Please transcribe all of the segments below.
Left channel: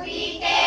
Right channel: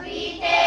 We Peter.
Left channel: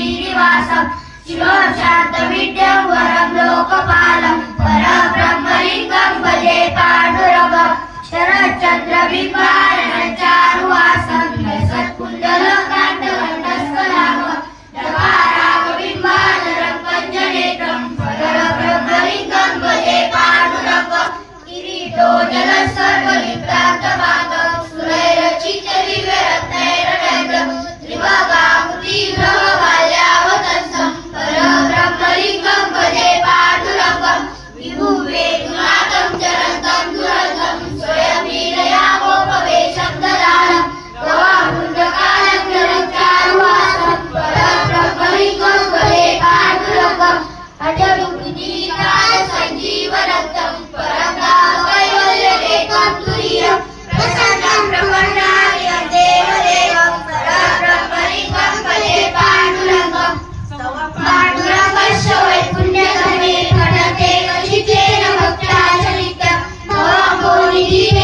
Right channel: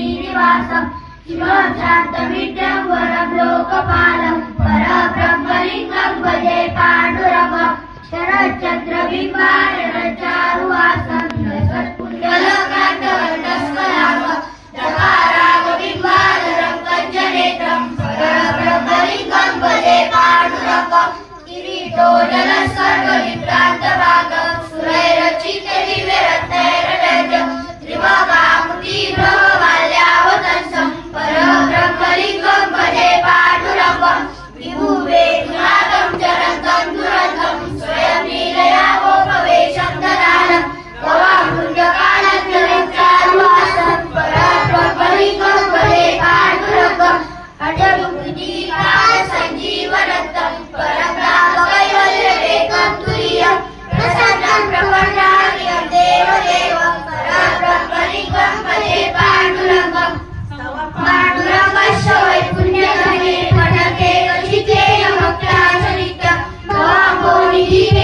श्रीनिवासं शिवं शान्तमिड्यं वरं लोकपालं भजे पाण्डुरवं शरच्चन्द्रबिम्बारणं चारुवासं सत्कुण्डलकाण्डवर्णस्वरागं रवारागबिम्बाधरं Yeah.